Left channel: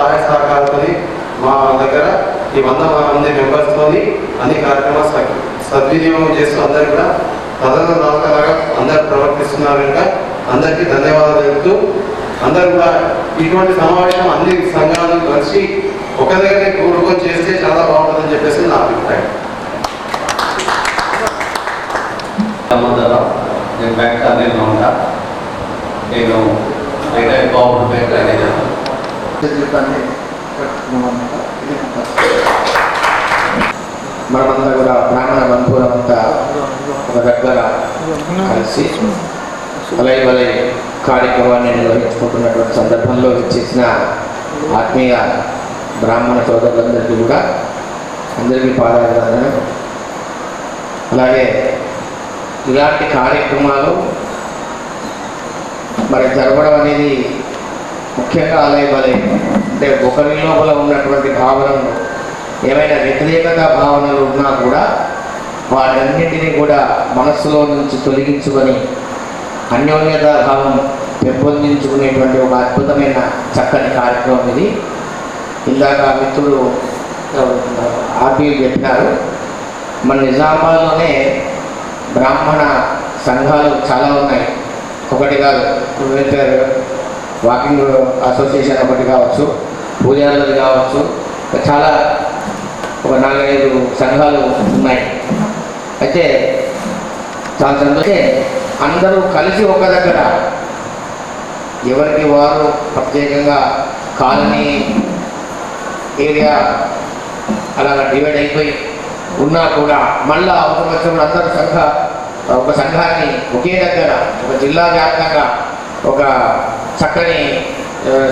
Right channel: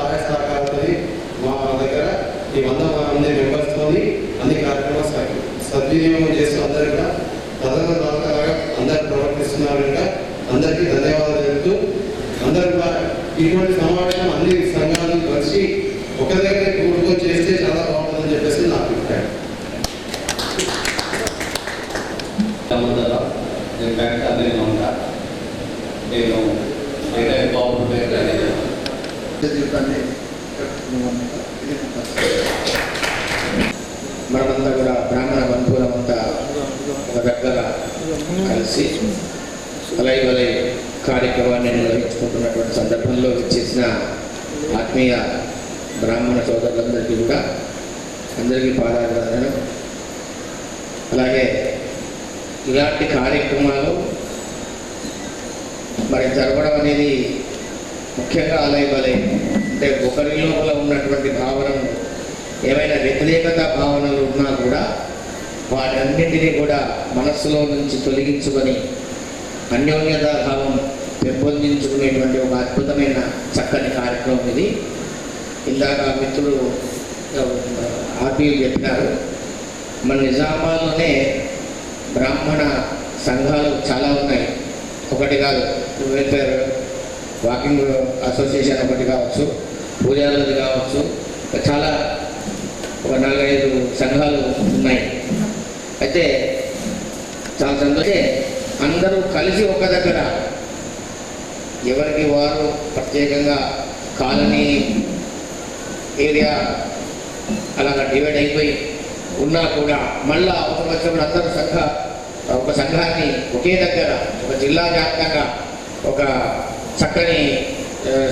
సహాయ సహకారాలతో మా దగ్గర ఈ వంద మంది మెంబర్స్తో అన్ని కార్యక్రమాలు సద్వినియోగం చేస్తూ అందరు కూడా ప్రజల నాలుకలాగా అందరు ప్రవర్తిస్తున్నారు కనుక అందరికీ ధన్యవాదాలు చెప్తూ అందరూ కూడా ఇటువంటి సమావేశం అన్ని సంఘాలు కలిసి ఒక దగ్గర కూడుకొని చేస్తే చాలా బాగుంటుందని చెప్పేసి నా అభిప్రాయం. నేను బ్యాంక్ ఉంటా. నేను రిటైర్ బాగుంటుంది జీవితాన్ని ఇది మనమంతా కూడా బ్రాహ్మణ బంధువులం అంతా ఒక దగ్గర కలిసి వలై వలై కార్యక్రమాన్ని నిర్వహించుకుంటున్నటువంటి సందర్భంలో ఇచ్చేసిన ఆత్మీయ బ్రాహ్మణ సోదరులందరికీ కూడా అందరికీ పాదాభివందనం. అలాగే ఇలాంటి కార్యక్రమాలు మరి జరగడం అనేది ముఖ్యంగా ఆలయ బలయం అంటే ఒకరి లోపల ఉన్నటువంటి భావనలు ఏమైనా వ్యతిరేకత భావనలు ఉన్నా కూడా వాటన్నింటినీ కూడా మనస్సులో నుంచి తొలగించుకొని అన్యోన్యత భావం పెంపొందించుకునేటువంటి ఒక అద్భుతమైన చక్కని కార్యక్రమం ఇది. ఇందాక మిత్రుడు ఆర్బీలు చెప్పినారు. మన నిజామాబాద్లోనే బ్రాహ్మణ సంఘాలు చాలా ఉన్నాయి. ఒకటి కాదు వెల్ఫేర్ వాకింగ్ అసోసియేషన్ ఒకటి కావచ్చు పూజారులది కావచ్చు చాలా ఒక నాలుగైదు సంఘాలు ఉన్నాయి. అయితే చాలా సంతోషం అందరూ కలిసి ఒక దగ్గర ఎవరికి వారు ప్రత్యేకంగా కాలనీ ఏరియా అలాగా డివైడ్ అయిపోయి ఉన్నా కూడా మళ్ళా అవసరం వచ్చినప్పుడు అందరూ సంఘ ఒక సంఘాన్ని ఒకే దగ్గర ఒక జిల్లా వ్యాప్తంగా ఒక చక్కని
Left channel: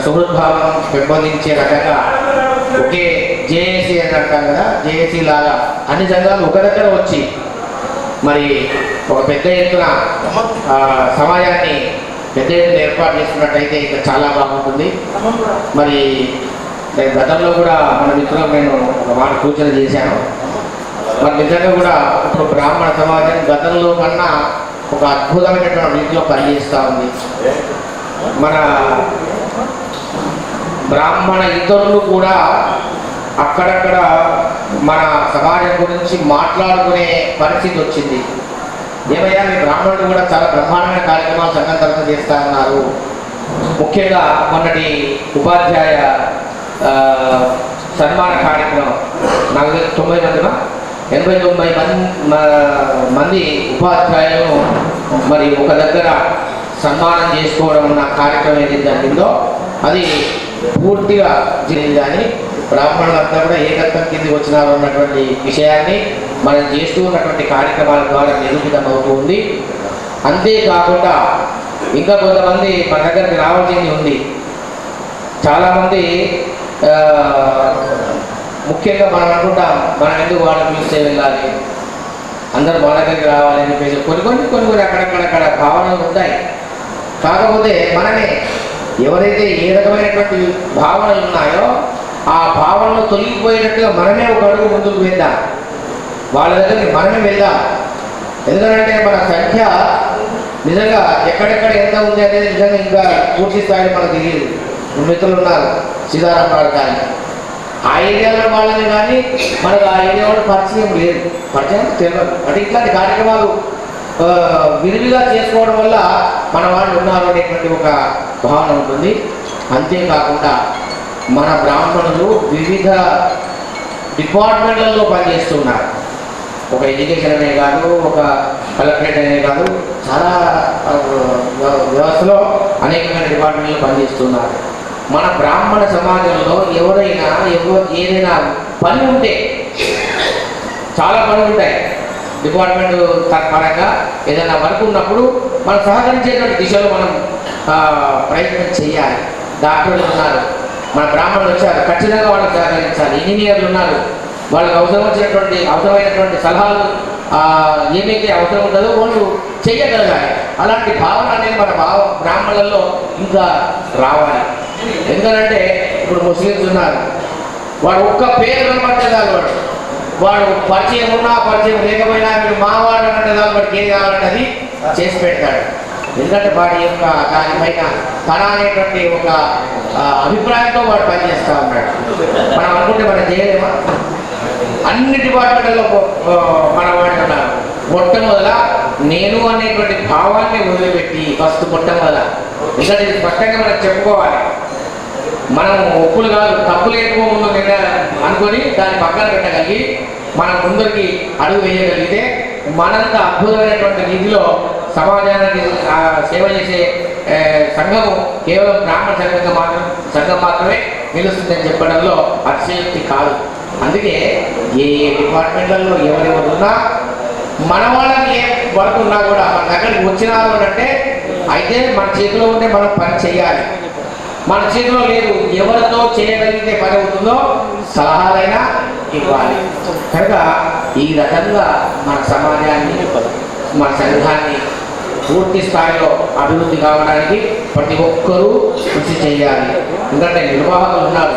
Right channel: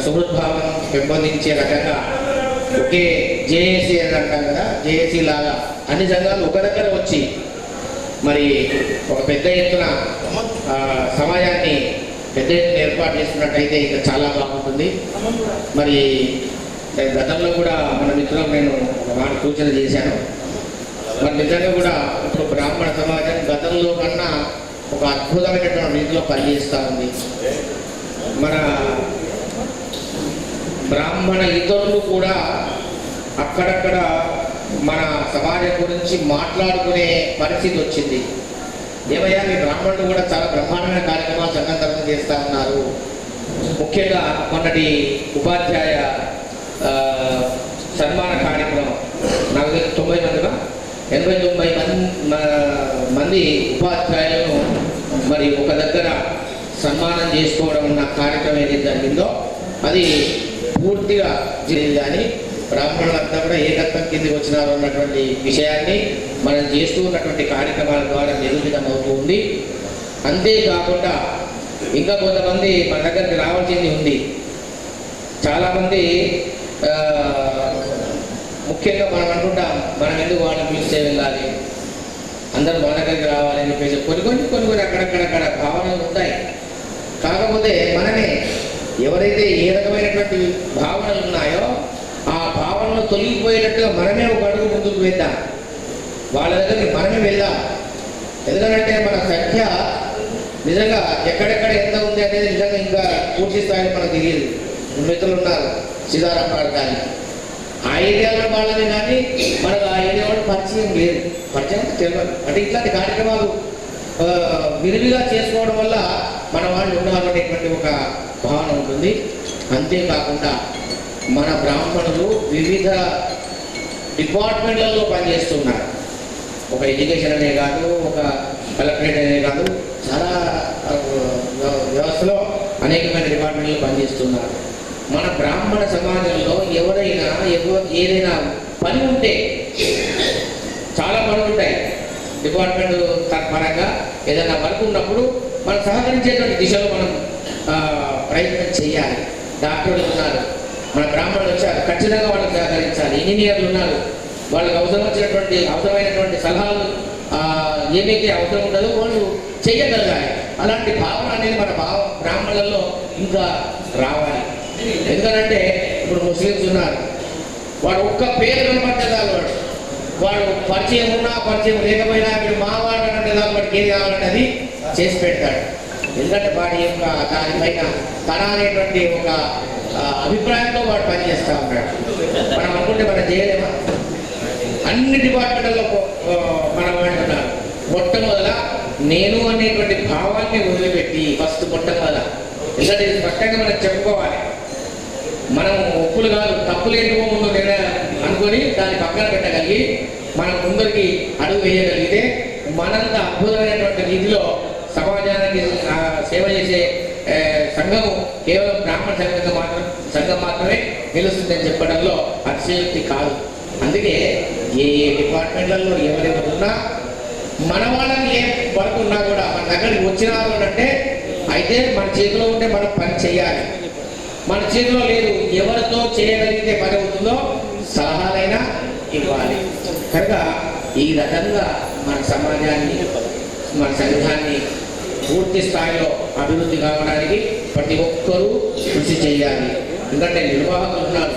సుహృద్భావం పెంపొందించే రకంగా ఒకే జేఏసీ అని అంటాం కదా జేఏసీ లాగా అన్ని సంఘాలు ఒక దగ్గర వచ్చి మరి ఒక పెద్ద ఎత్తున సమాజాన్ని పెద్ద ఎత్తున ఏర్పాటు చేసుకున్నట్టయితే ఇంకా చాలా బాగుంటుంది. మరి నేను గతంలో కూడా మన మిత్రులకు నేను ఒక మాట సూచన చేశాను. మరి నిజంగా కూడా ఇప్పుడు బ్రాహ్మణ సమాజం గతంలో కన్నా ఒక అద్భుతమైనటువంటి రీతిలో పనిచేస్తూ ఉంది. మన బ్రాహ్మణ ఇతరులు కూడా అక్కడక్కడ మన సమాజం గురించి మాట్లాడుకునే పరిస్థితి వచ్చింది. ఏమయ్యా మీ బ్రాహ్మణులు కూడా చాలా బ్రహ్మాండమైన కార్యక్రమాలు సంఘం తరఫున చేస్తా ఉన్నారు ముఖ్యంగా మొన్నటి ఉపాధ్యాయ సన్మాన కార్యక్రమం. నలభై తొంభై మందిమా ఎనభై తొంభై మంది మంది ఉపాధ్యాయులను మరి ఒక దగ్గర సన్మానం చేసుకోవడం అన్న కార్యక్రమం ఏదైతే జరిగిందో అది పూర్తిగా జరిగింది. కానీ బ్రాహ్మణులంతా కూడా ఏకత్వం కిందికి వచ్చినారు అన్నటువంటి విషయాన్ని మనం చేస్తూ ఉన్నటువంటి కార్యక్రమాల ద్వారా నిరూపితమవుతూ ఉంది. అంతేకాకుండా ఇంకా కొంతమంది మన దగ్గరికి రావాల్సింది ఉంది. చాలామంది ముఖ్యంగా మనం అనుకుంటాం మనం ఎందుకు వాళ్ళని పిలిస్తే వెళ్ళాలి? అందరూ మన దగ్గరికి రావాలని చెప్పేసి కొన్ని కొన్ని కొన్ని కొన్ని అక్కడక్కడక్కడ భావనలు ఉంటాయి. కాకపోతే మనమే ఎవరైతే ఏ రకమైనటువంటి భావనలు ఉన్నాయో ఆ భావనలు తొలగిపోయేటట్టుగా మనమే ఒక అడుగు ముందుకు వెళ్దాం వాళ్ళ దగ్గరికి మనమే వెళ్దాం. ఎందుకంటే మన సంఖ్య నిజంగా ఎక్కడెక్కడ ఎంత ఉంది అనేది నిజంగా ఇంకా పూర్తి స్థాయిలో మనకు తెలియదు. మిత్రులు ఉన్నారు సీతారాం గారు కానీ. ఆ ఏరియాలో వాళ్ళని కానీ మనకు ఆ ఏరియా వాళ్ళు పరిచయం లేదు. పరిచయం తెలియదు. అంటే ఇట్లాంటి కార్యక్రమాలు విరివిగా చేసుకోవడం వల్ల మన వాళ్ళు ఉన్నారు అనేటువంటి ఒక భావన ఉంటుంది. అంతేకాకుండా మన బ్రాహ్మణులు వివిధ డిపార్ట్మెంట్లలో పనిచేస్తున్నారు. ఒక ఎడ్యుకేషన్ అనే కాదు ఒక కలెక్టరేట్ అనే కాదు చాలా వ్యవస్థలో అనేకమైన డిపార్ట్మెంట్లు పనిచేస్తున్నారు. మన బ్రాహ్మణ సమాజంలో ఎవరైనా ఎవ ఏదైనా పని ఉంటే చాలా పనులు ఉంటాయి. డిపార్ట్మెంట్ త- పరంగా ఏదైనా వర్క్ ఉన్నప్పుడు మనం సహకరించేటువంటి దిశలో మనం ప్రయత్నం చేయాలి. డాక్టర్లు ఉన్నారు మన బ్రాహ్మణులు వచ్చారు ఖచ్చితంగా వాళ్ళకి సహకరించాలి. ఇంజనీర్లు ఉన్నారు వాళ్ళకి అవసరం వచ్చినటువంటి అవసరమైనటువంటి సలహాలు ఏమైతే అవసరం ఉంటుందో వాళ్ళు చేయగలగాలి అలాంటి భావన అనేది మన భావ బ్రాహ్మణులలో ఇంకా రావాలి. ఎందుకంటే ఇప్పుడు ముస్లిమ్స్ ఉన్నారు వాడు ఒక్క పేరు కనబడితే చాలు వాడు వాడు పరిచయం ఉన్నా పరిచయం లేకపోయినా వీడు మావాడు అంటే దాని వాడికి ఏది కావాలంటే అది చేసి పెడతాడు. ఎందుకంటే వాడి యొక్క దానిపైన తన అనేటువంటి ఒక అభిప్రాయంతో వాడు పనిచేస్తూ ఉన్నాడు. మనం అనుకుంటే మనం చేయలేమా అన్ని డిపార్ట్మెంట్లలో మనం మన మొట్టమొదల నేను అనేటువంటి భావాన్ని వదిలిపెట్టి ఫస్ట్ మొట్టమొదల ఎందుకంటే ఇది స్పష్టంగా మనం చెప్పుకోవాలి. మనం ఒప్పులు కాదు తప్పులు ఏంటో ముందు నిర్ణయాలు అనుకొని దాన్ని పక్కన పెట్టగలిగి మనం ముందరికి అడుగు వేయగలిగితే మనంత అద్భుతమైనటువంటి రీతిలో సమాజానికి సేవ చేసే సంఘము కేవలం బ్రాహ్మణ సంఘంగా మాత్రం సంఘం మాత్రమే నిలుస్తుందని చెప్పడంలో అతిశయోక్తి కాదు. అందుకే ఏ డిపార్ట్మెంట్లలో ఎవరెవరు ఉన్నా మన వాళ్ళకి ఏ వర్క్ ఉన్నా కూడా మన దగ్గరికి వచ్చినారు అంటే అయితే మన చేతిలో ఉంటే మనం పని చేయాలి. మన చేతిలో లేదు ఎవరితో చేయగలిగితే పని అవుతుందో సలహాలైనా ఇవ్వాలి. కనుక ఈ రకంగా మన సమాజాన్ని మన సంఘాన్ని పూర్తి స్థాయిలో అభివృద్ధి కావడానికి ప్రతి ఒక్కరూ కృషి చేయాలి. ఎందుకంటే నిర్వాహకులు ఉన్నారు.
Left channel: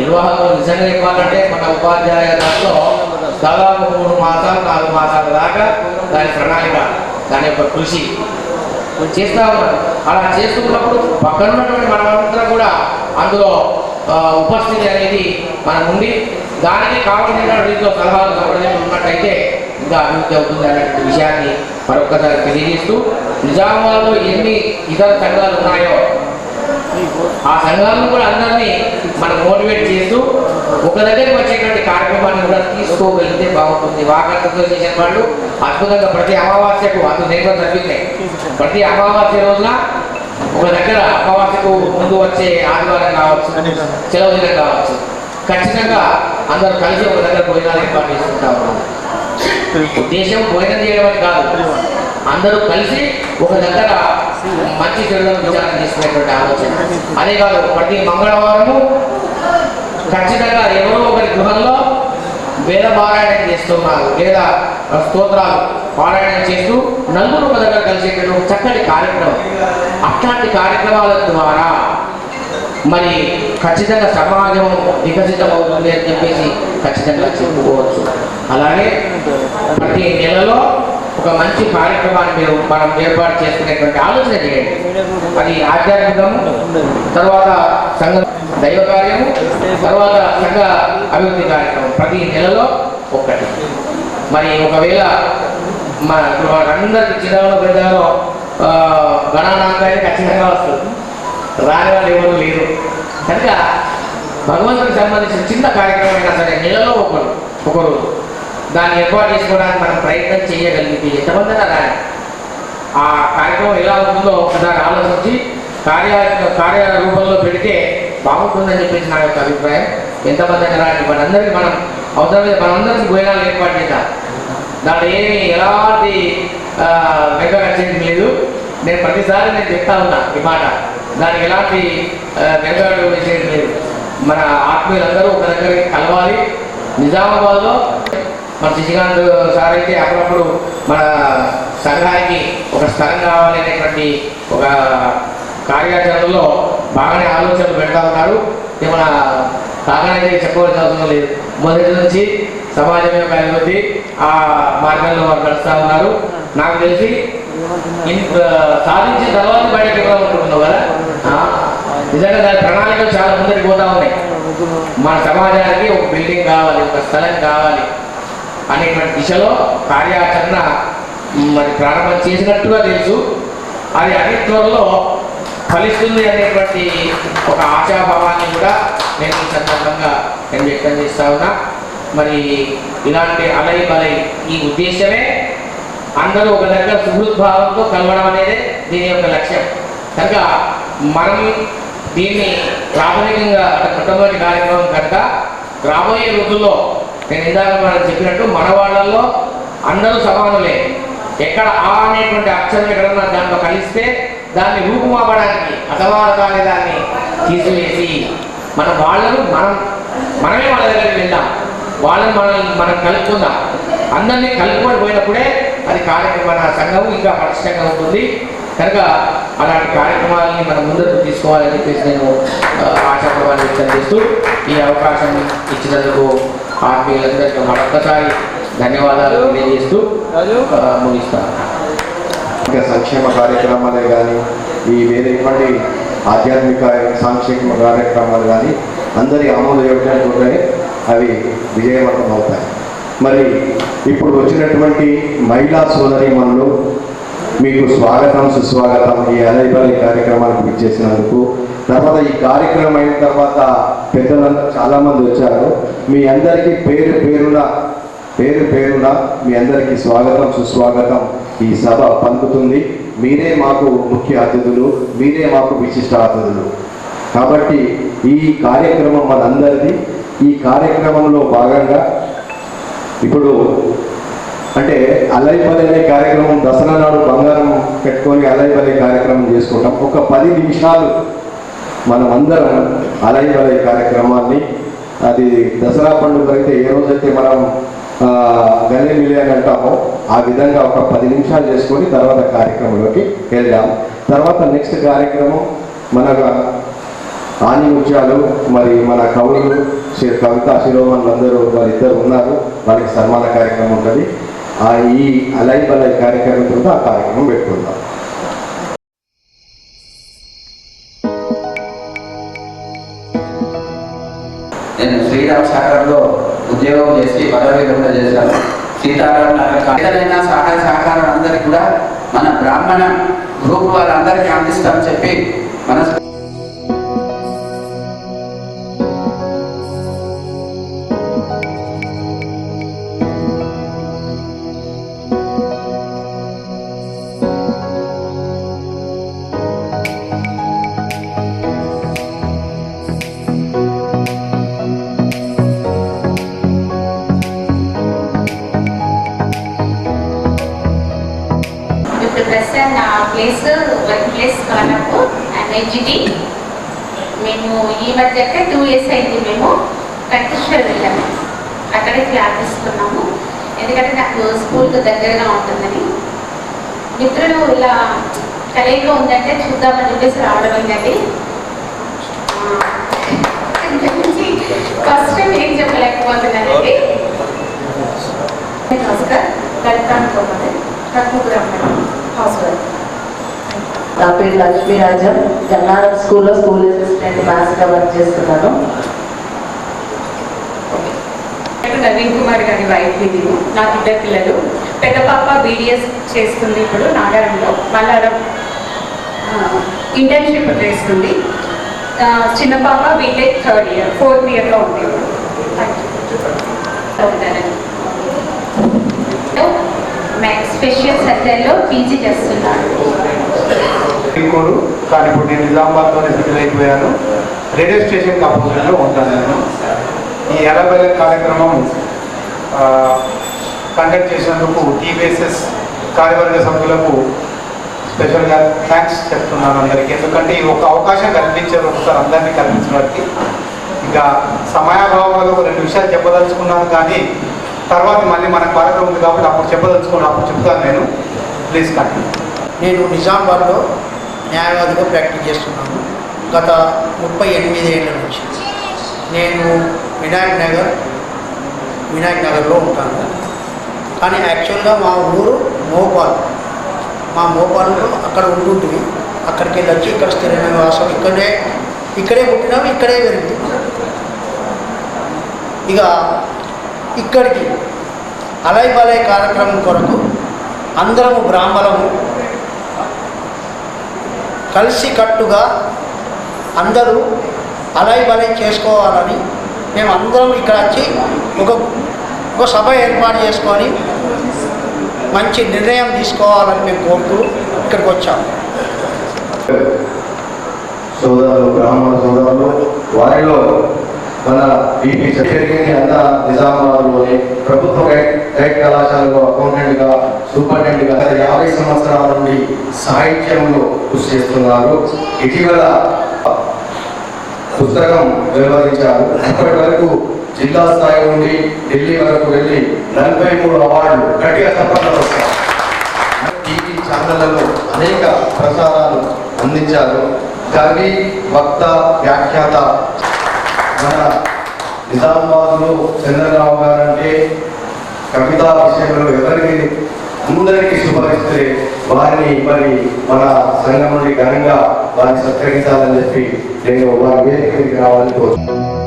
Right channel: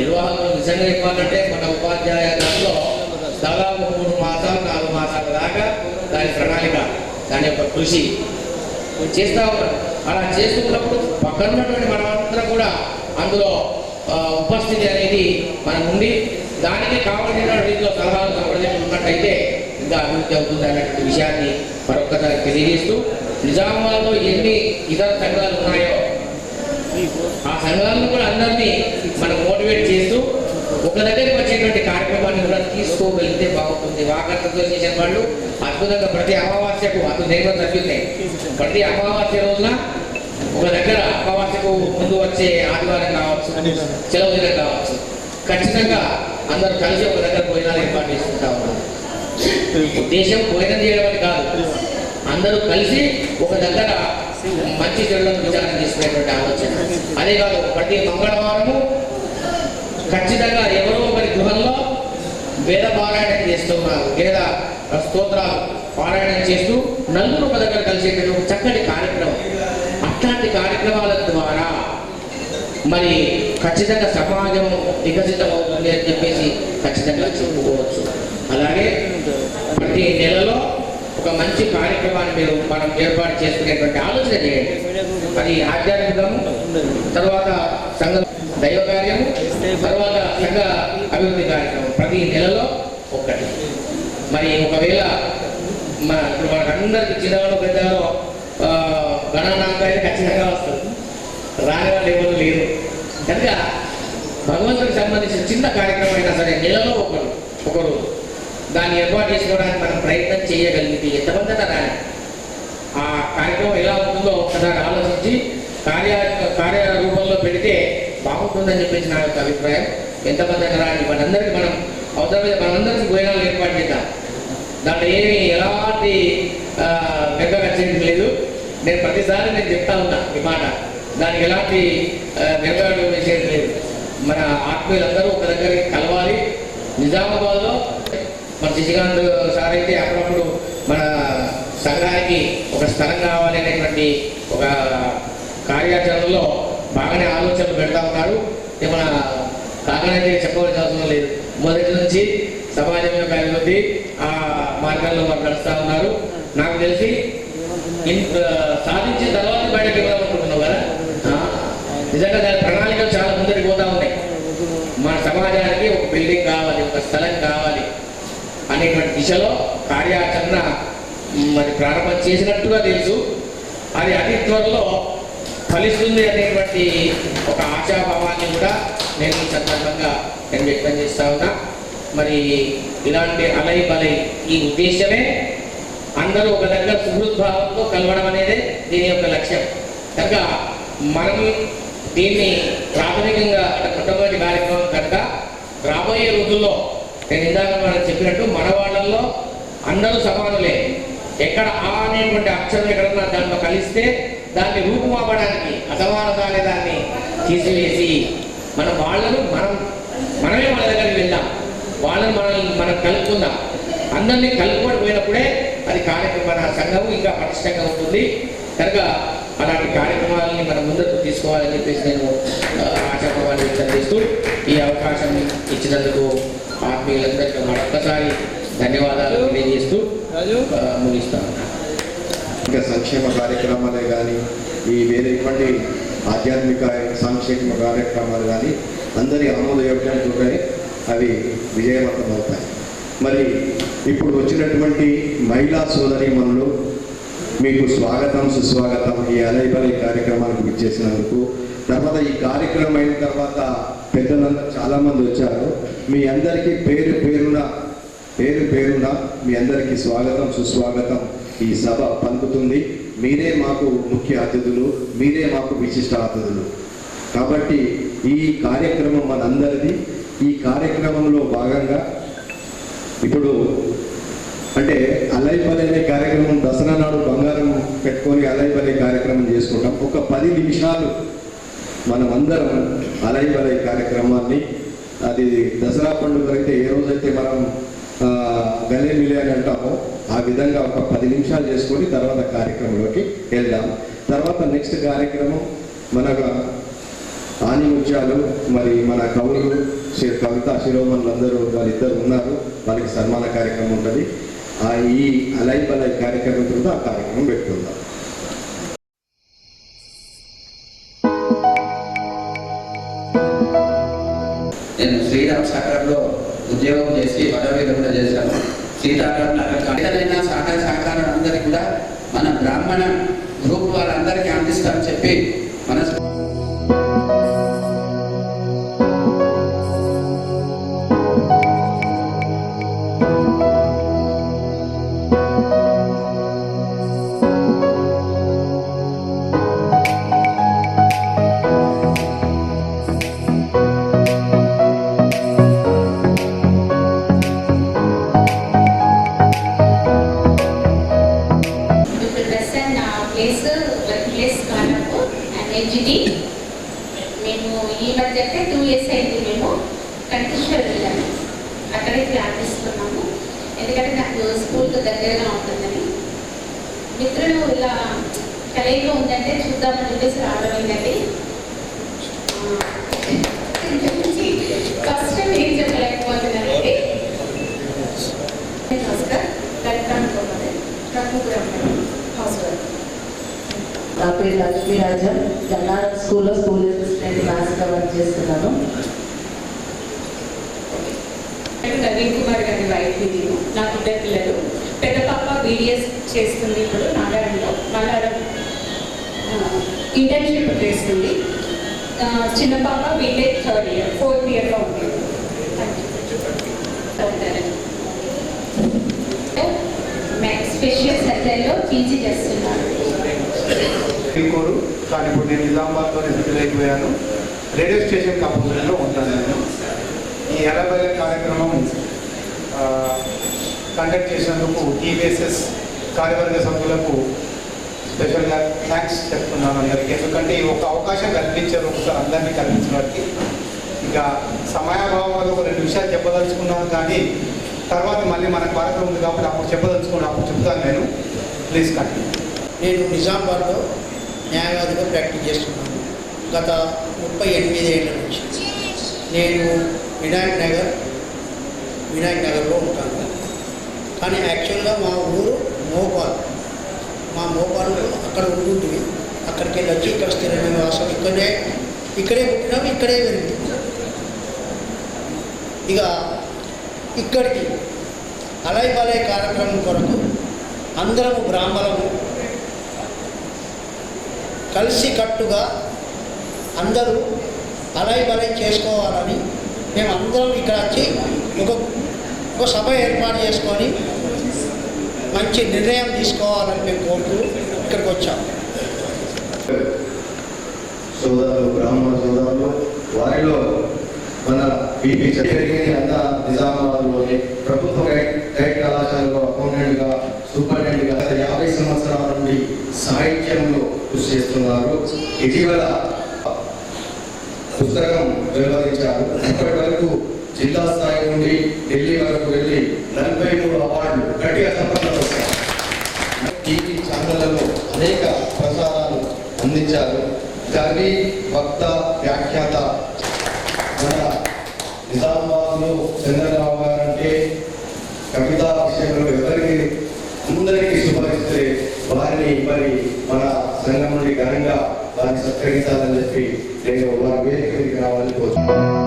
నిర్వాహకులు నిజంగా ఇవ్వాలంటే మన ఉపాధ్యాయ దాంట్లో దాదాపు మూడు మాసాలు నాలుగు మాసాల దాకా దాని ప్రణాళిక దాని యొక్క కృషి చేస్తూ ఉన్నారు. అలా చేస్తున్నప్పుడు పక్కన ఉన్నటువంటి మనమంతా కూడా అందులో ఉపస్థితి అనేది మనం దానికి కావాల్సిన రీతిలో సలహాలు సంప్రదాయాలు ఉన్నట్టయితే ఇంకా అభివృద్ధి అవుతుంది అనే విషయాన్ని మరొక్కసారి తెలియజేస్తూ నిజామాబాద్లో ఎన్ని ఇతర సంఘాలు ఉన్నాయో ఆ సంఘాలను కూడా అందరినీ మనం మోటివేట్ చేస్తూ ఒక దగ్గరికి వచ్చేటువంటి కార్యక్రమాన్ని కూడా తీసుకోగలిగితే బాగుంటుంది. వాకర్ అసోసియేషన్ వాళ్ళు అద్భుతంగా ప్రతి అమావాస్యకు అది నేను కూడా ప్రతి అమావాస్య రోజున ఒక దగ్గర అమావాస్యకు ముందు వచ్చే ఆదివారం కావచ్చు సెలవు దినం కావచ్చు. ఖచ్చితంగా అందరూ కలిసి ఒక దగ్గర భోజనాలు ఏర్పాటు చేసుకుంటా ఉన్నారు ఉద్దేశం భోజనం చేయడం అని కాదు అందరూ కలిసి ఒక దగ్గర మంచి చెడులను విచారణ చేసుకునేటువంటి ఆలోచన. అదే కాదు ప్రతి మంగళవారము ఖచ్చితంగా ఎవరో ఒకరి గృహంలో వేద పారాయణం చేస్తున్నారు లేదా స్తోత్రాలు పారాయణం చేస్తూ నలుగురు ఒక దగ్గర కలిసేటువంటి ఒక చక్కటి కార్యక్రమం. అట్లాంటి కార్యక్రమాల ద్వారా మరి ఖచ్చితంగా సమాజం వికసితం అవుతుంది అని చెప్పేసి ఖచ్చితంగా చెప్పుకోవచ్చు. అలాగే ప్రతి నెలలో ఒక మంచి కార్యక్రమాన్ని మీరు మనం ఏర్పాటు చేసుకునేటువంటి ఆలోచన చేయండి. అది ఆధ్యాత్మికము తర్వాత సంఘ దైవ కార్యము తర్వాత సంఘ అభివృద్ధి కార్యక్రమం. ప్రతి నెలలో ఒక్కటి. మరి ఒకవేళ మా ఇప్పుడు అందరికి చిన్నలో పెద్దలో గణానాంకాన్ని ఖచ్చితంగా వస్తుంది. రాని వాళ్ళు ఎవరు లేరు. కనుక భగవంతుడికి సంబంధించిన చిన్న కార్యక్రమం అయినా సరే నెలలో ఒకరు ఒకరు దాన్ని ఏర్పాటు చేసుకోవడానికి మనం ప్రయత్నం చేయగలిగితే ఎంతమంది అయినా రాని. ఆ కార్యక్రమం ఎలా ఉంటుందో ఒకసారి ఆలోచించి కార్య కార్య రూపంలో పెడితే బాగుంటుందని చెప్పేసి నా యొక్క అభిప్రాయం. ఎంతమంది అయినా రాని మనందరికీ మనం అవసరమైతే మనందరికీ భోజనాలు ఏర్పాటు చేద్దాం. దాంట్లో ఏమి ఎలాంటి వెంక వచ్చేది లేదు. నేను ప్రతిసారి నేను చెప్తా ఉన్నా ఈ మాట. దానికి ఎలాంటి వెనుకాడు వేసేది లేదు. మన ఆత్మీయులందరూ ఒక దగ్గర కలవాలి. నిజామాబాద్లో మన శశికాంత్ సార్ అయితే అప్పుడప్పుడు మన సంఘానికి ఒక స్థలం కావాలి అనేటువంటి ఒక కార్యాచరణలో బాగానే ఆలోచనలు పెడతా ఉన్నారు. మన కాకనైతే చెప్పవలసిన అవసరం లేదు. మొదటి నుంచి సమాజం యొక్క అభివృద్ధి ఆ మార్గంలో వారు నడుస్తూ ఉన్నారు. నాకు తెలిసి సాధించిన తర్వాత బయటకు ఇవ్వాలనుకుంటున్నావు కదా? నిజంగా దాని ప్రణాళికలు చాలా ముందరికి పోతా ఉన్నాయి. మన సమాజానికి ఒక బిల్డింగ్ కావాలి ఒక స్థలం కావాలి అనేటువంటి దిశలో కార్యాచరణ మరి ప్రారంభం చేసినట్టుగా తెలుసు. అది అతి త్వరలో ఫలిస్తుంది అనేటువంటి ఒక ఆశాభావాన్ని కూడా నేను ఈ సందర్భంగా నేను వ్యక్తం చేస్తా ఉన్నా. మరి ఇలాంటి అలై బలై ఈ ఉద్దేశమే అందరూ ఒక దగ్గర సుహృద్భావంతో కలవడం అనేది దీని యొక్క లక్ష్యం. కనుక మనం దీన్ని ప్రాథమికంగా అంటే మొట్టమొదటి కార్యక్రమం కనుక రాబోయే రోజుల్లో నేను ఇందాక మనం చెప్పినట్టు మన వాళ్ళల్లో అందరూ సమానులే. ఎక్కడ ఆ అనేటువంటి అక్షరం ఎక్కడన్నా దాంట్లో కలిస్తే దాన్ని రూపుమాపడానికి అసమానత దాన్ని తీసివేసి మన వాళ్ళను మనం మనమే వాళ్ళ దగ్గరికి వెళ్దాం. వాళ్ళని మనం మనం కలుపుకుందాం. అందరినీ కలుపుకొని పోయినప్పుడే అది కార్యక్రమం సంఘం ఇంకా పటిష్టంగా ఉంటుంది. కనుక అలాంటి కార్యక్రమాలని మనం ముందుకు తీసుకోవాలని చెప్పేసి నేను ఆ, ఆశాభావాన్ని వ్యక్తం చేస్తూ ఈ అవకాశం ఇచ్చినందుకు ఆత్మీయులందరికీ మరొక్కసారి ధన్యవాదాలు తెలియజేస్తూ ముగిస్తాను ఇంకా సంక్షేమ కార్యక్రమాలే కానీ ఈ వేరేటువంటి ఆధ్యాత్మిక సాంక్షేమ కార్యక్రమాలు కానీ అందరి ఆమోదయోగ్యంగా అవి విజయవంతం అవుతాయి. మరి ఇప్పుడు వచ్చినటువంటి మహిళా సోదరిమణులు మీకు స్వాగతం సుస్వాగతం ఈ అలైబలై కార్యక్రమానికి ఇచ్చేసినందుకు తర్వాత ఈ కార్యక్రమం అయిన తర్వాత పెద్దలందరూ చాలామంది వచ్చారు. మీ అందరికీ పేరు పేరున పేరు పేరున మీ అందరికీ స్వాగతం సుస్వాగతం. ఈ సభ పలుకుతుంది. మీరే మాకు ముఖ్య అతిథులు మీరే మాకు విశిష్ట అతిథులు. కాబట్టి ఈ కార్యక్రమం మనందరిది. ఈ కార్యక్రమంలో భాగంగా ఇప్పుడు అంటే అలైపల్లి అనే కార్యక్రమం దసరా నాడు బంగారం పెట్టుకొని అలైపల్లి కార్యక్రమం చేసుకుంటాం. ఒక పది నిమిషాలు మనం అందరం అలైపల్లి కార్యక్రమాన్ని అది దసరా పండుగ అయితే ఏ రోజైతే మనం గలే మిలే అని అంటామో. ఆ విధంగా ఒక పది నిమిషాలు చేసుకొని తర్వాత కార్యక్రమంలోకి వెళ్దాం. తర్వాత నెక్స్ట్ కార్యక్రమం మన ఆని ముత్యాలు మరి మన కవులు శ్రీ కవిత శిరోమణులు అందరూ వాళ్ళిద్దరు ఉన్నారు. వాళ్ళకి సన్మాన కార్యక్రమం ఉంటుంది. ఆ ఈ అలై బలై కార్యక్రమం ఆ కార్యక్రమం పెట్టుకుందాం. నేను శ్రీరామ్ సాగర్లో ఉద్యోగం చేసి పదవి విరమణ చేశారు. సీతారాం ఏదైనా సహాయ సహకారం అందరికి కూడా మన బ్రాహ్మణ గ్రూప్ వాళ్ళందరికీ అందిస్తామని చెప్పి మన వెళ్ళాము అక్కడే క్లాస్ తీసుకున్నాము ఎందుకంటే నాకు స్కూల్కి దగ్గరగా ఉంటుందని. మిత్రులు ఇలా కలయిక ఉందంటే చూద్దామని చెప్పేసి రావడం అయిందండి ఫస్ట్ ఏం చెప్పలేకపోతున్నానండి. నమస్కారం. హౌస్ వైఫ్ నా పేరు లక్ష్మీరాజం. జన్నారం స్కూల్లో స్కూల్ అసిస్టెంట్ మ్యాథ్స్గా వర్క్ చేస్తున్నాను. నేను నవీన్ కుమార్ గారి వైఫ్ ఇది. నాకు ఇద్దరు పిల్లలు. పెద్ద పాప బీడిఎస్ చేస్తుంది ఇప్పుడు నాగారంలో. మల్లారం ఇంటర్న్షిప్ చేస్తుంది. చిన్న పాప బీటెక్ థర్డ్ ఇయర్ ఫోర్త్ ఇయర్లో ఉంది. స్పెషల్ సర్జరీలో పీజీ చేస్తున్నాను కానీ ఇప్పుడు నేను నిజామాబాద్లోనే సెటిల్ అయిపోయాను రేడియో స్టేషన్ అపోజిట్లో ఉంటాను నేను. ఈ ఎలబెల కార్యక్రమం కండక్ట్ చేసినందుకు టీవీఎస్ఎస్ కార్యవర్గ సభ్యులకు స్పెషల్గా థ్యాంక్స్ చెప్తున్నాను అందరికీ. ఎందుకంటే ఈ ఒక అవకాశం కల్పించారు ఒకసారి అందరినీ కల్పించడానికి ఇంకా సమయాభావంలో ఒక రెండు విషయాలు చెప్పదలుచుకున్నాను కానీ తర్వాత మళ్ళీ మన కార్యక్రమం ఉంది కాబట్టి అప్పుడు చెప్పదలుచుకున్నాను అప్పుడు చెప్తాను నేను. ప్లీజ్ కంటిన్యూ నేను నిజామాబాద్లో న్యాయవాదిగా ప్రాక్టీస్ చేస్తున్నాను. గత ముప్పై ఎనిమిది ఏళ్ళ నుంచి. నేను వినాయక్ నగర్ వినాయక్ నగర్లో ఉంటాను. కానీ యాక్చువల్గా మా ఊరు మోపాల్. మా మోపాల్లో అక్కడ ఉంటుంటుంది అక్కడికి వెళ్ళి వచ్చి ఇక్కడ స్థిర నివాసం ఇక్కడే ఇక్కడే పుట్టినాము ఇక్కడే పెరిగింది ఇక ఇక్కడికి అలై బలై కార్యక్రమం కొరకు అందరము బ్రాహ్మణము కలిసి కట్టుగా అందరూ అలై బలై చేసుకోవాలని మేము అందరం ఇక్కడ వచ్చి ఒక ఒక సభ ఏర్పాటు చేసుకొని మంచి నిర్ణయం తీసుకోవాలని మేము కోరుతూ ఇక్కడికి వచ్చాము సోదరులు బ్రాహ్మణ సోదరులు వారిలో మన బీపీ జరిగింది అంతా నిజామాబాద్లోని ప్రభుత్వ గైడ్ గైడ్ కళాశాలలో అకౌంటెంట్గా సూపరింటెండెంట్గా గత యాభై సంవత్సరాల నుండి సాహిత్యంలో కృషి చేస్తున్నారు. ఇటీవల పుస్తకం వెలువరించారు. ఇప్పటి వరకు జిల్లా స్థాయి నుండి ఢిల్లీ వరకు వెళ్ళి నలభై మూడు అవార్డులు గట్టిగా తప్పకుండా టీవీ ఛానళ్ళలో అనేక ప్రసారాలు అందించారు. కవి వక్త వ్యాఖ్యాత మన నిజామాబాద్లో చంద్రరావు గారు అంటే కవితా విషయంలో ఎవరికి అందరికీ సుపరిస్తే వారిని మరి మన సంఘం నుండి ఘనంగా వారిని సత్కరించాలని చెప్పి నేను వారి వేదిక రావాలని కోరుతున్నాను.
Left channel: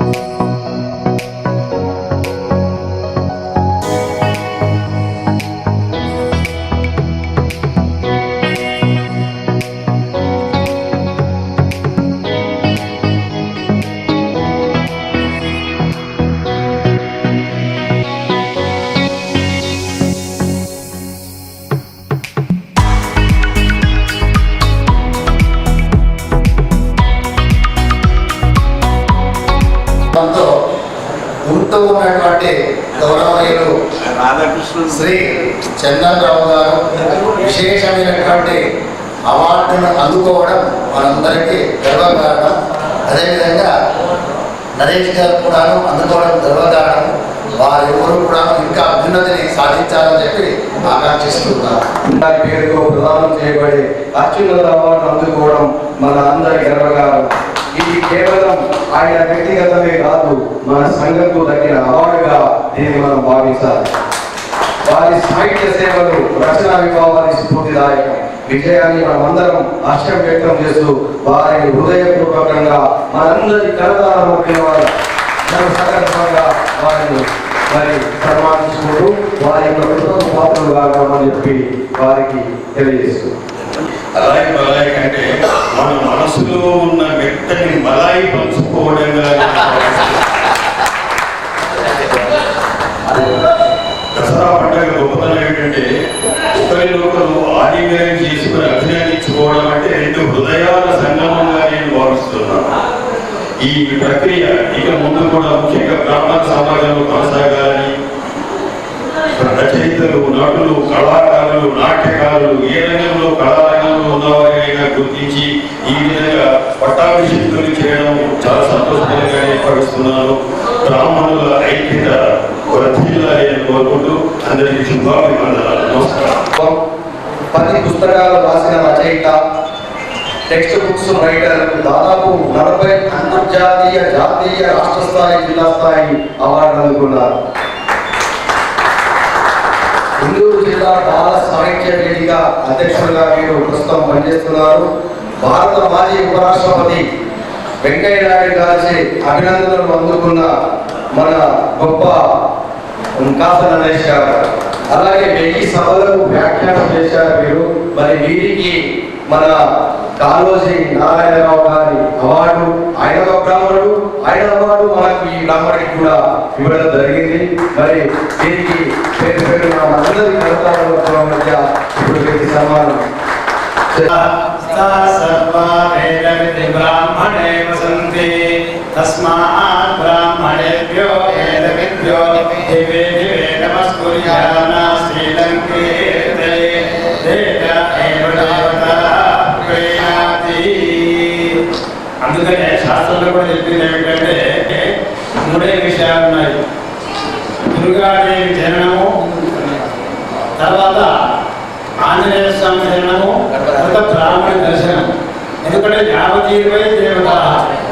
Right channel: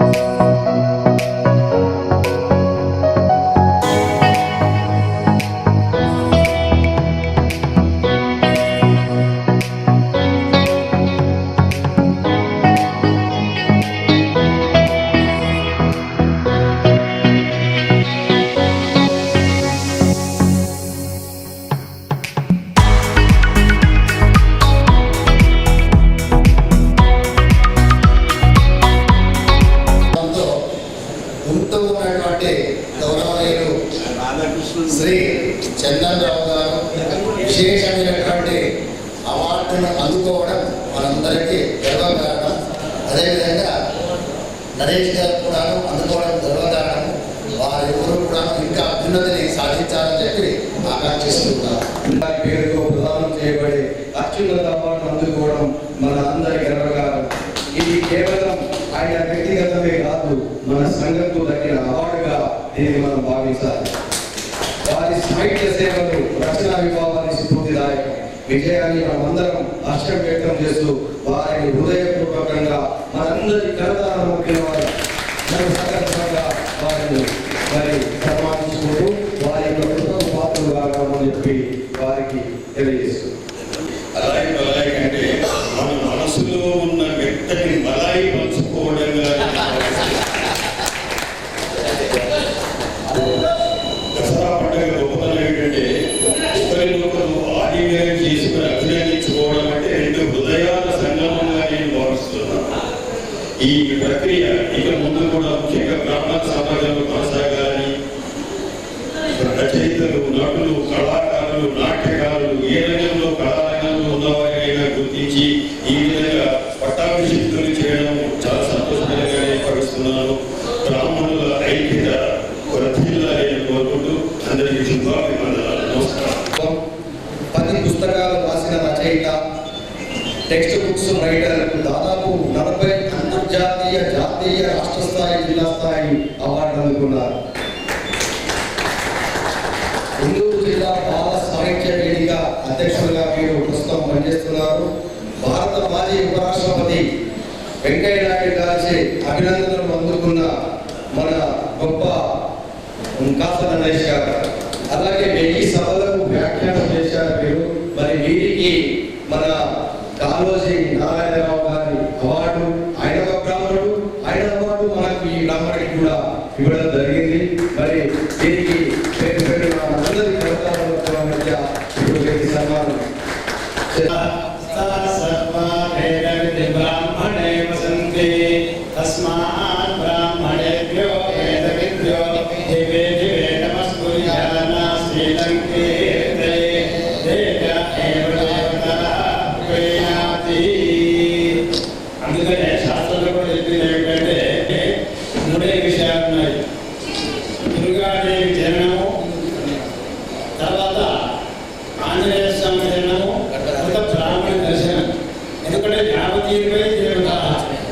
శ్రీ చందన్రావు గారు విశేషమైనటువంటి అవార్డును అందుకోవడం మనందరికీ గర్వకారణం. అదేవిధంగా నరేష్ గారు కూడాను అందుకోవడం గర్వకారణం. వారెవరు కూడా ఇంకా అభ్యున్నతిని సాధించాలని చెప్పి ఆకాంక్షిస్తున్నారు పేరుతో ప్రదానం చేయబడి అత్యున్నత అవార్డు అందుకోవడం మన అందరి గర్వకారం ఇది కేవలం ఆయన వ్యక్తిగతమే కాదు మన సంఘంకు దక్కిన అవార్డుగా దీన్ని మనం భావించాలి. వారి సాహిత్య సేవలు రచనా విభావాన్ని స్ఫూర్తిదాయకం. విజయాన్ని మనమందరం హర్షం వ్యక్తం చేస్తూ వారిని హృదయపూర్వకంగా మనందరి కలదాల వారు సందర్భంగా వారిని మరి సన్మానించుకుంటూ వారి యొక్క కృతజ్ఞ పాత్రలు కాగలమని చెప్పి వారికి తెలియజేస్తూ అలాగే రచయితలు కళాకారులు నాట్యకారులు ఏ రంగంలో కళారంగంలో ఉన్నవారినైనా గుర్తించి ఈ విధంగా పట్టాభిషేకులు చేయడం చాలా సంతోషకరంగానే భావిస్తున్నాను. బ్రాహ్మణుల ఐక్యత వర్ధిల్లాలి అని కోరుకుంటూ అందరికీ శుభాభివందనాలు. నమస్కారం. పది పుస్తకాలు రాసిన రచయిత టెక్స్ట్ బుక్స్ రైటర్ దాదాపు నలభై అంతర్జాతీయ జాతీయ రాష్ట్ర స్థాయి జిల్లా స్థాయి అవార్డు అందుకున్నారు గుంటూరు జిల్లా బాల సాహిత్య వేదిక అధ్యక్షులుగా మీరు ప్రస్తుతం పనిచేస్తున్నారు. భారత మాజీ ఉపరాష్ట్రపతి వెంకయ్య నాయుడు గారి అభినందనలు అందుకున్న మన గొప్ప కాసల నరేష్ గారు. అలాగే వెయ్యి సభలకు వ్యాఖ్యానం చేశారు మీరు మరి వీరికి మన కాళోజీ నారాయణరావు గారి అవార్డు ఆయన ఒక బ్రాహ్మణుడు ఆయన అవార్డు మన ఈ కూడా ఇవ్వడం జరిగింది. మరి దీనికి పేరు పేరు మనందరి కలతాల మధ్య ఇప్పుడు వీరికి సన్మానం. బ్రాహ్మణే వసంతి. తస్మాత్ బ్రాహ్మణేభ్యో వేదవిద్యో దివే దివే నమస్కుర్యామ శ్రీలంకే దేవ ఏవ దేవత ప్రేయాతి అందుకనే శాస్త్రంలో కూడా చెప్పింది ఏమిటంటే మూడే విషయాలు ఉన్నాయి దుర్గాదేవి జననము తర్వాత ఆంజనేయ స్వామి జననము తర్వాత బ్రాహ్మణ దర్శనం ఎందుకంటే యాభై ఇరవై దేవత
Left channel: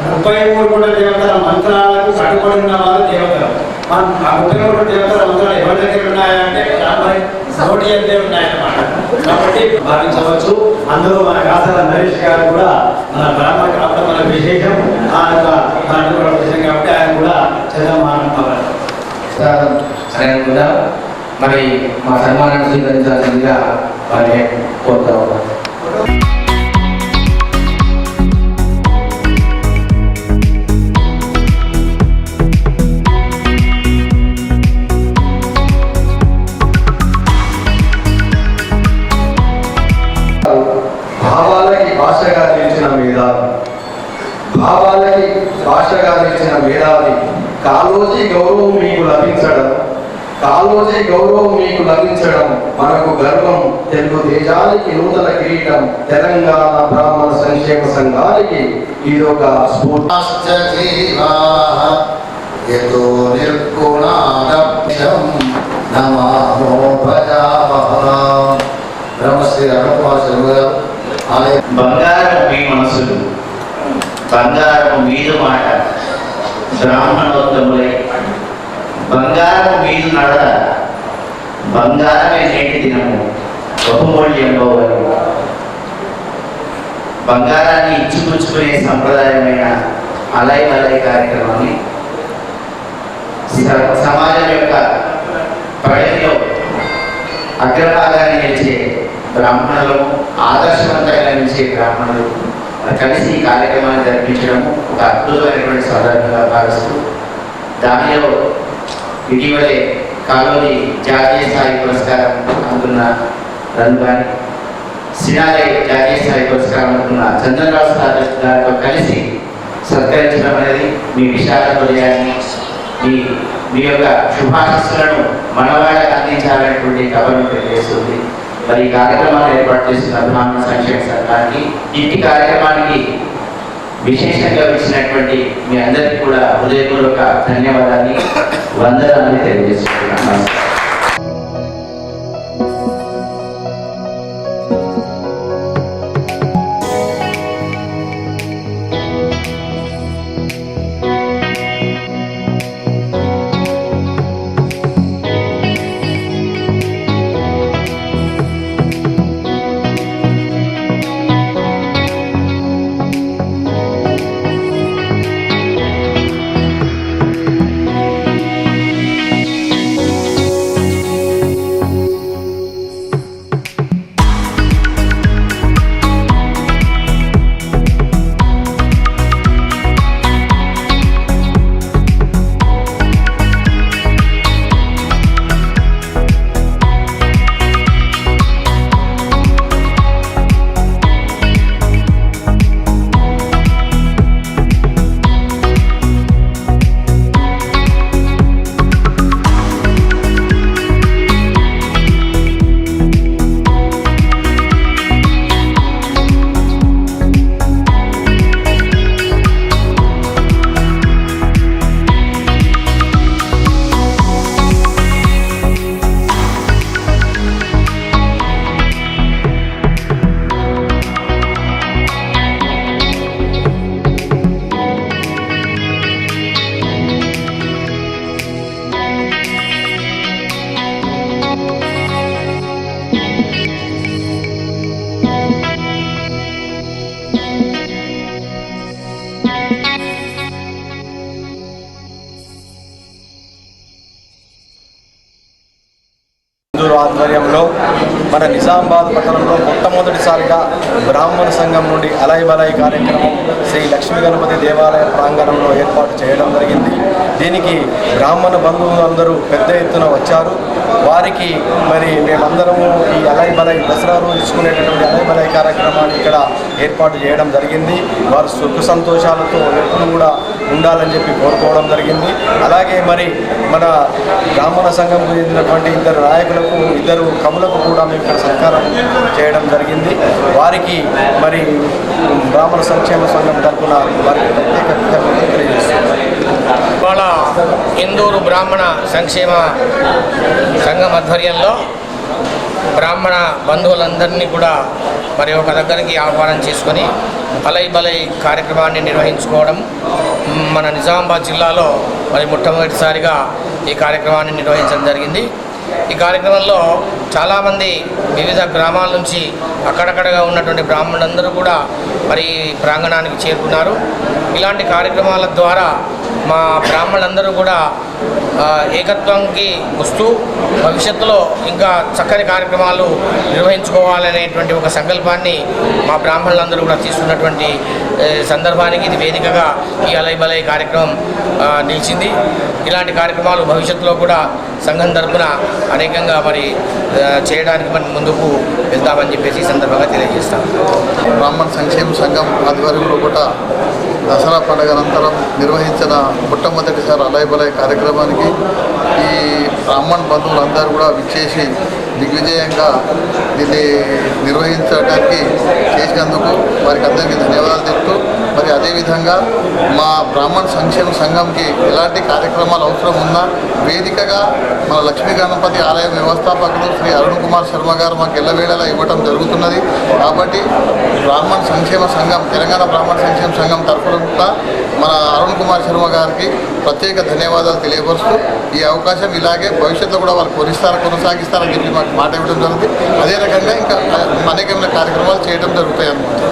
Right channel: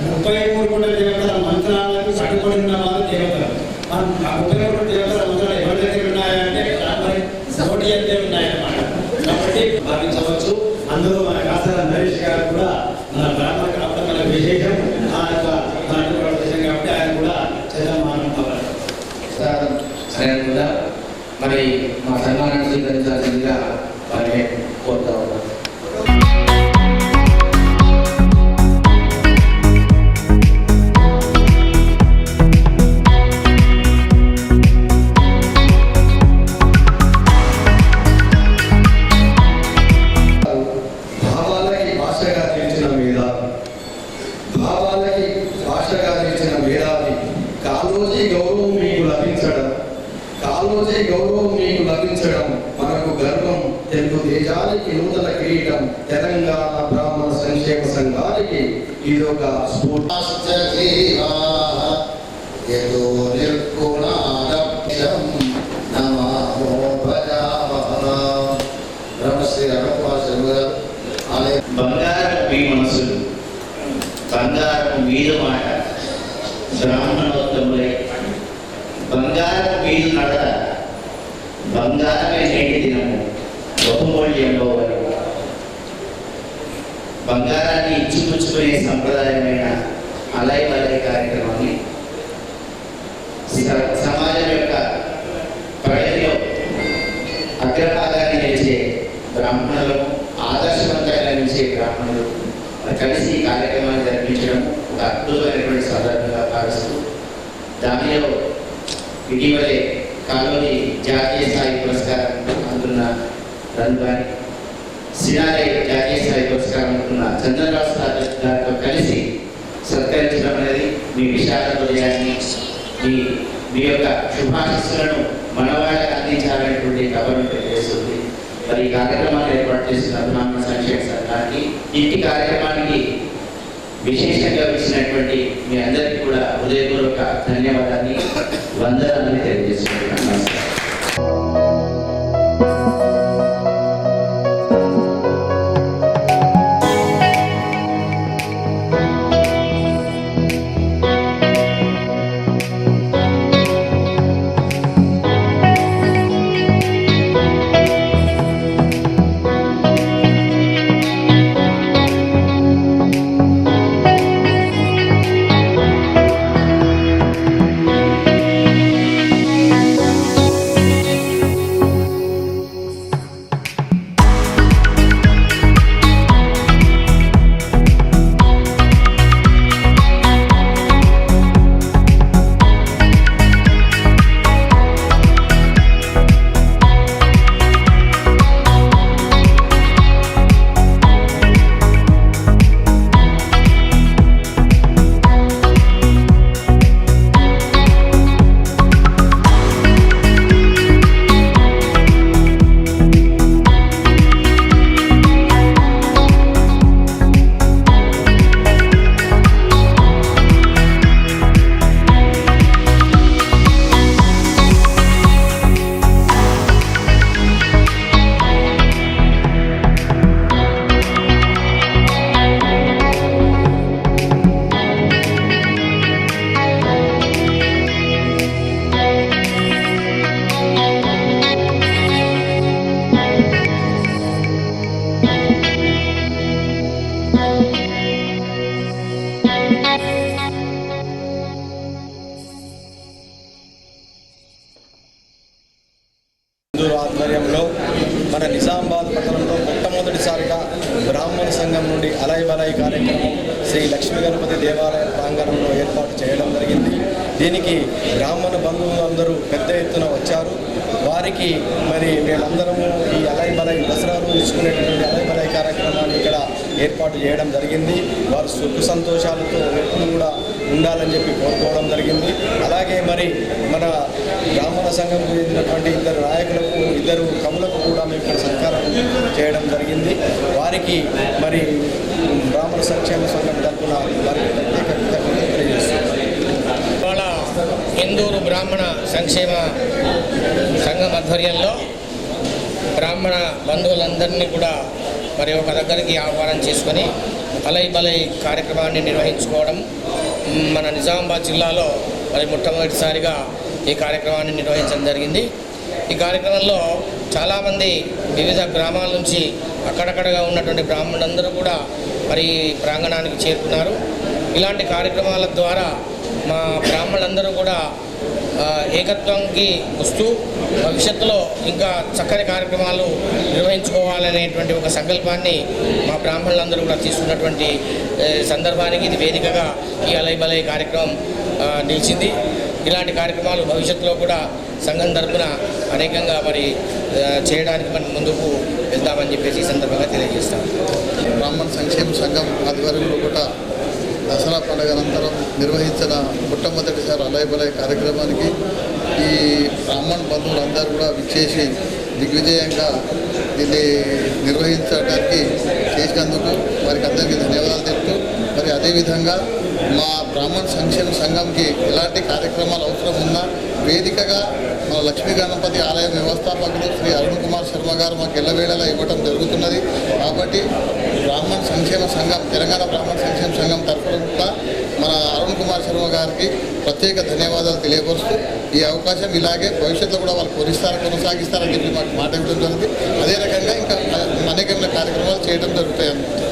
ముప్పై మూడు కూడా దేవతల మంత్రాలకు కట్టుబడి ఉన్న వాళ్ళు దేవతలు మన ఆ ముప్పై మూడు దేవతల ఎవరి దగ్గర ఉన్నాయంటే బ్రాహ్మణి నోటి అంతే ఉన్నాయన్నమాట. కాబట్టి భావించవచ్చు. అందులో మన కాసల నరేష్ గారు కూడా మన బ్రాహ్మణ కావడం మన విశేషం బంగారము నడత బంగారమే నేటి దినము. బహుమూల్యంలో బంగారాన్ని ఇచ్చిపుచ్చుకునే సంప్రదాయమైన అలై వలై కార్యక్రమాన్ని సమాజం యొక్క ప్రగతిలో అగ్రభాగాన్ని నిలిచే బ్రాహ్మణులు ఆదర్శవంతంగా నిలిచే బ్రాహ్మణులు కలిసి ఈ కార్యక్రమాన్ని జరిపించడం ఒక అద్భుతమైనటువంటి సందర్భంగా భావిస్తూ దానిలో ఇటీవలే కాలోని జాతీయ స్థాయి పురస్కారం అందుకున్న రన్ కానీ సినారే జాతీయ స్థాయి పురస్కారం అందుకున్న చంద్రరావు గారితో కలిసి సత్కరించడం అనేది మీ విశాఖ హృదయాన్ని మీ మీ యొక్క శుభాశస్సులను మనవాళ్ళకి అందించాలనేటువంటి గవర్నమెంట్ తెలియజేస్తుంది. మరి ఈ కార్యక్రమాన్ని ఏర్పాటు చేసిన బ్రాహ్మణ సంక్షేమ సంఘానికి ఇంటి కార్యక్రమానికి విశేషంగా ఇచ్చినటువంటి మీ అందరికీ కూడా హృదయపూర్వక ధన్యవాదాన్ని వందనాన్ని తెలియజేస్తున్నాను నుండి అలై బలై కార్యక్రమం శ్రీ లక్ష్మీ గణపతి దేవాలయ ప్రాంగణంలో ఏర్పాటు చేయడం జరిగింది దీనికి బంధువులు బంధువులందరూ పెద్ద ఎత్తున వచ్చారు. వారికి మరి మేమందరము ఈ అలై బలై దసరా రోజు ఇచ్చుకునేటటువంటి అలై బలై కార్యక్రమాన్ని ఇక్కడ ఏర్పాటు చేయడం జరిగింది. వారు సుఖ సంతోషాలతో ఎప్పుడు కూడా ఉండాలని చెప్పి కోరుకోవడం జరిగింది. అలాగే మరి మన బ్రాహ్మణ సంఘంకు చెందినటువంటి ఇద్దరు నాయకులకు ఇద్దరు కవులకు కూడా మేము ఇక్కడ సత్కారం చేయడం జరిగింది. వారికి మరి బ్రాహ్మణ సంక్షేమ సంఘం తరఫున వారికి ఇందూరు బ్రాహ్మణ సంక్షేమ సంఘం ఆధ్వర్యంలో బ్రాహ్మణ బంధువులందరినీ కూడా మరి ఒక దగ్గరికి ఆహ్వానం చేసుకొని అలై బలై కార్యక్రమాన్ని నిర్వహించుకోవడం మన నిజామాబాద్ జిల్లాలో మరి మొట్టమొదటిసారిగా ఈ కార్యక్రమాన్ని నిర్వహించడం జరిగింది. ఈ కార్యక్రమంలో చాలామంది వివిధ గ్రామాల నుంచి అక్కడక్కడగా ఉన్నటువంటి బ్రాహ్మణులందరూ కూడా మరి ప్రాంగణానికి చేరుకున్నారు. ఇలాంటి కార్యక్రమాల ద్వారా మా బ్రాహ్మణులందరూ కూడా ఏకత్వంకి వస్తూ భవిష్యత్తులో ఇంకా చక్కని కార్యక్రమాలు నిర్వహించుకోవాలనేటువంటి ఒక సంకల్పాన్ని మా బ్రాహ్మణులందరూ కూడా తీసుకున్నటువంటి సందర్భానికి ఇది వేదికగా ఈ అలైబలై కార్యక్రమం నిలిచింది. ఇలాంటి కార్యక్రమాలు భవిష్యత్తులో కూడా సంఘం తరఫున అనేకంగా మరి చేయడానికి మరి ముందుకు వెళ్తామని చెప్పేసి ఈ సందర్భంగా తెలియజేస్తాం బ్రాహ్మణ సంక్షేమ సంఘం ఆధ్వర్యంలో కూడా దసరా పండుగ అనంతరం నిర్వహించిన మొట్టమొదటిసారి అలయబలయ కార్యక్రమానికి ఈ బ్రాహ్మణ్ బంధువులందరూ కూడా విచ్చేసి దిగ్విజయంగా దీన్ని నిర్వహించడానికి చేసినందుకు వారికి అందరికీ ధన్యవాదాలు చెప్తూ మరి అదేవిధంగా మా బ్రాహ్మణ సంక్షేమ సంఘంకి ఎలాంటి కార్యక్రమాలు అవసరం ఉన్నా వేదికగా మన లక్ష్మీ గణపతి ఆలయ వ్యవస్థాపకులు శ్రీ అరుణ్ కుమార్ శర్మ గారు మాకు ఎల్లవేళలా ఇవ్వటం జరుగుతున్నది. కాబట్టి బ్రాహ్మణ సంక్షేమ సంఘం తెలంగాణ బ్రాహ్మణ సంక్షేమ సంఘం తరఫున కూడా మన అరుణ్ కుమార్ శర్మ గారికి ప్రత్యేక ధన్యవాదాలు తెలియపరుస్తూ ఈ అవకాశం ఇలాగే భవిష్యత్తులో కూడా వాళ్ళు కొనిస్తారా కొనసాగిస్తారని చెప్పి మాకు మాట ఇవ్వడం జరుగుతుంది. అదే రకంగా ఇంకా అనేకమైన కార్యక్రమాలు చేయడం జరుగుతాయి అన్నమాట.